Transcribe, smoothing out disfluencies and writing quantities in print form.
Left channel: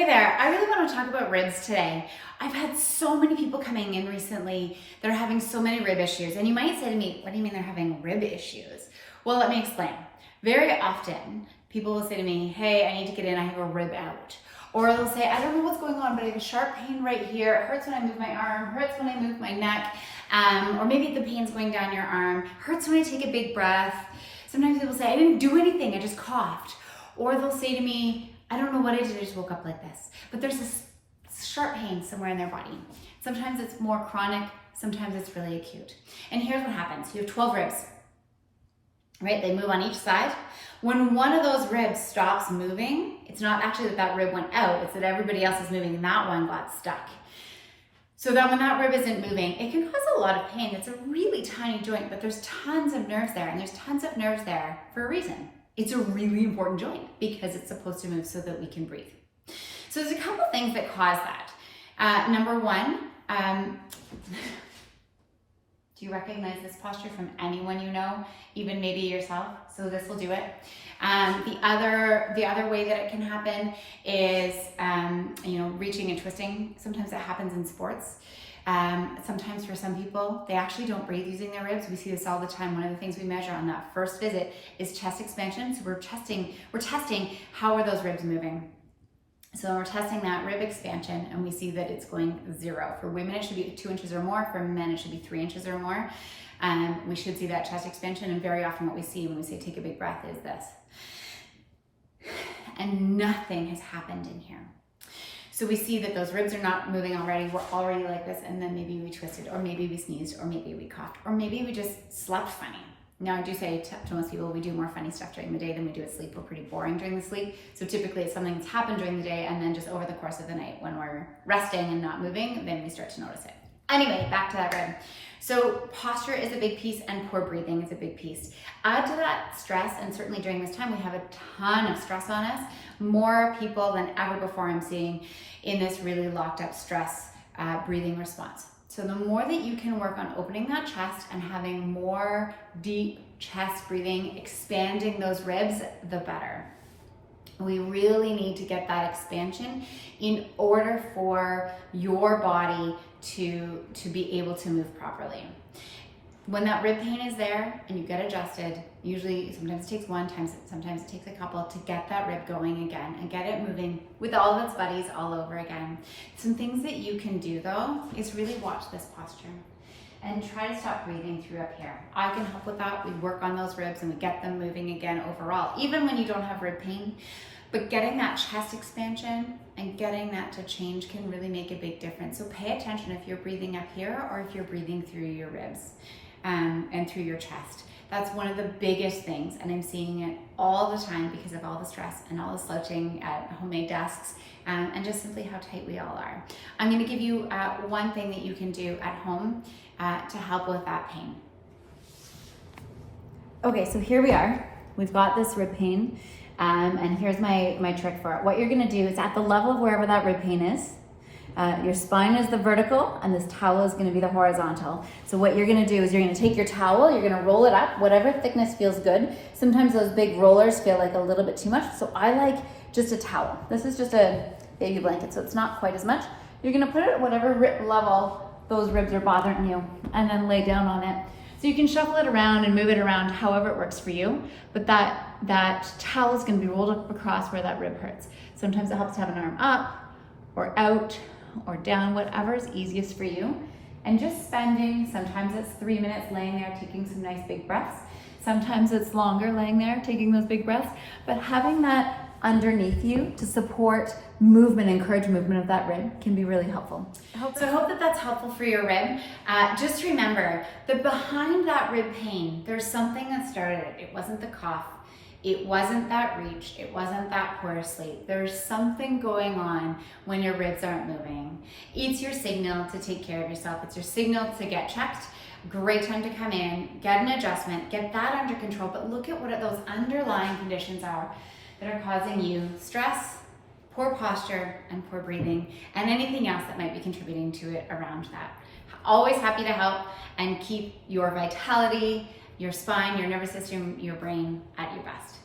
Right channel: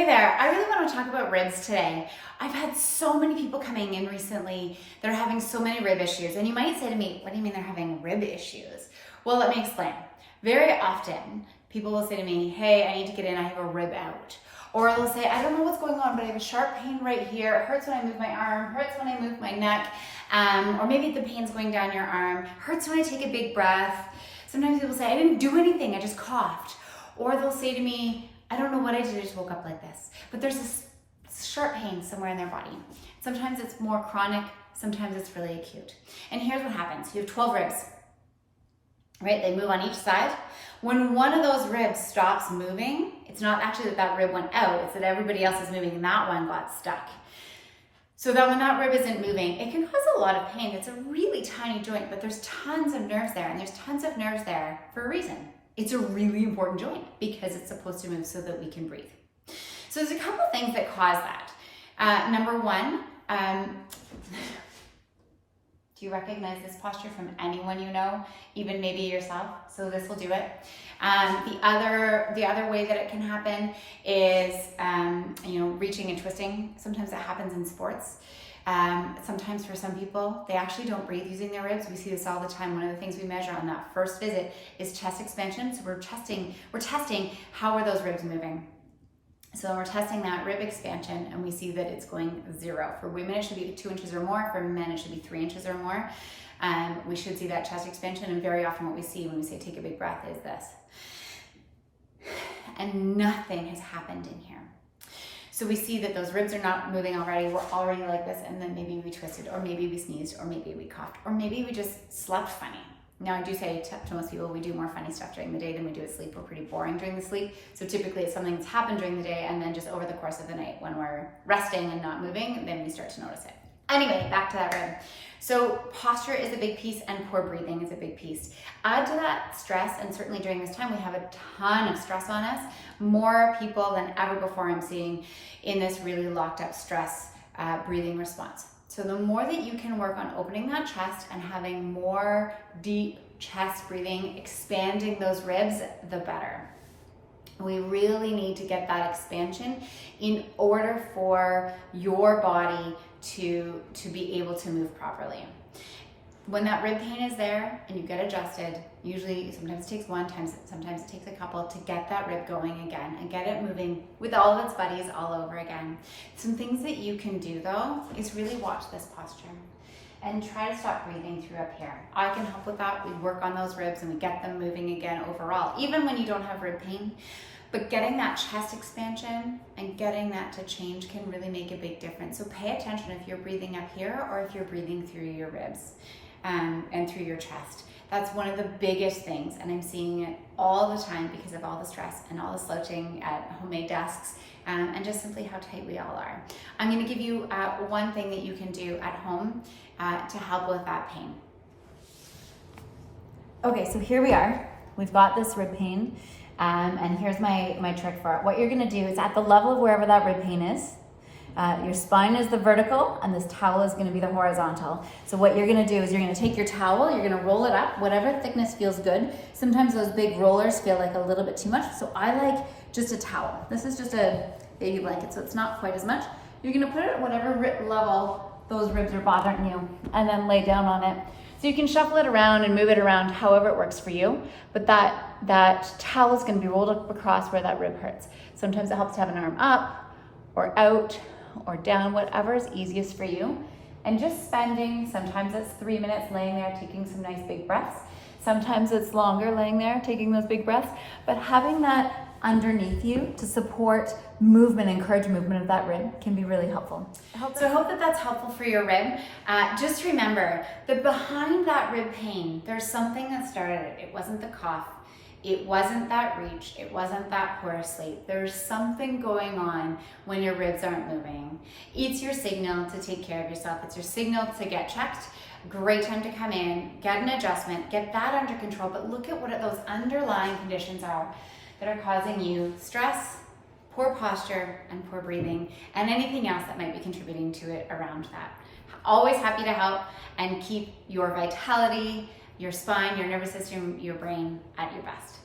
Hey there, I really want to talk about ribs today. I've had so many people coming in recently that are having so many rib issues. And you might say to me, what do you mean they're having rib issues? Well, let me explain. Very often, people will say to me, hey, I need to get in, I have a rib out. Or they'll say, I don't know what's going on, but I have a sharp pain right here. It hurts when I move my arm, hurts when I move my neck. Or maybe the pain's going down your arm, hurts when I take a big breath. Sometimes people say, I didn't do anything, I just coughed. Or they'll say to me, I don't know what I did, I just woke up like this. But there's this sharp pain somewhere in their body. Sometimes it's more chronic, sometimes it's really acute. And here's what happens. You have 12 ribs, right? They move on each side. When one of those ribs stops moving, it's not actually that rib went out, it's that everybody else is moving and that one got stuck. So that when that rib isn't moving, it can cause a lot of pain. It's a really tiny joint, but there's tons of nerves there, and there's tons of nerves there for a reason. It's a really important joint because it's supposed to move so that we can breathe. So there's a couple things that cause that. Number one, do you recognize this posture from anyone you know, even maybe yourself? So this will do it. The other way that it can happen is reaching and twisting. Sometimes that happens in sports. Sometimes for some people, they actually don't breathe using their ribs. We see this all the time. One of the things we measure on that first visit is chest expansion. So we're testing how are those ribs moving. So we're testing that rib expansion and we see that it's going 0. For women, it should be 2 inches or more. For men, it should be 3 inches or more. We should see that chest expansion, and very often what we see when we say take a big breath is this. And nothing has happened in here. So we see that those ribs are not moving already. We're already like this, and then maybe we twisted, or maybe we sneezed, or maybe we coughed, or maybe we just slept funny. Now, I do say to most people, we do more funny stuff during the day than we do at sleep. We're pretty boring during the sleep. So typically it's something that's happened during the day, and then just over the course of the night when we're resting and not moving, then we start to notice it. Anyway, back to that rib. So posture is a big piece, and poor breathing is a big piece. Add to that stress, and certainly during this time, we have a ton of stress on us. More people than ever before I'm seeing in this really locked up stress breathing response. So the more that you can work on opening that chest and having more deep chest breathing, expanding those ribs, the better. We really need to get that expansion in order for your body to be able to move properly. When that rib pain is there and you get adjusted, usually sometimes it takes one, sometimes it takes a couple to get that rib going again and get it moving with all of its buddies all over again. Some things that you can do though is really watch this posture and try to stop breathing through up here. I can help with that. We work on those ribs and we get them moving again overall, even when you don't have rib pain. But getting that chest expansion and getting that to change can really make a big difference. So pay attention if you're breathing up here or if you're breathing through your ribs and through your chest. That's one of the biggest things, and I'm seeing it all the time because of all the stress and all the slouching at homemade desks and just simply how tight we all are. I'm going to give you one thing that you can do at home to help with that pain. Okay, so here we are. We've got this rib pain. And here's my trick for it. What you're gonna do is at the level of wherever that rib pain is, your spine is the vertical and this towel is gonna be the horizontal. So what you're gonna do is you're gonna take your towel, you're gonna roll it up, whatever thickness feels good. Sometimes those big rollers feel like a little bit too much, so I like just a towel. This is just a baby blanket, so it's not quite as much. You're gonna put it at whatever level those ribs are bothering you and then lay down on it. So you can shuffle it around and move it around however it works for you, but that towel is gonna be rolled up across where that rib hurts. Sometimes it helps to have an arm up or out or down, whatever is easiest for you. And just spending, sometimes it's 3 minutes laying there taking some nice big breaths. Sometimes it's longer laying there taking those big breaths, but having that underneath you to support movement, encourage movement of that rib can be really helpful. So I hope that that's helpful for your rib. Just remember that behind that rib pain, there's something that started it. It wasn't the cough. It wasn't that reach. It wasn't that poor sleep. There's something going on when your ribs aren't moving. It's your signal to take care of yourself. It's your signal to get checked. Great time to come in, get an adjustment, get that under control, but look at what those underlying conditions are that are causing you stress, poor posture, and poor breathing, and anything else that might be contributing to it around that. Always happy to help and keep your vitality, your spine, your nervous system, your brain at your best.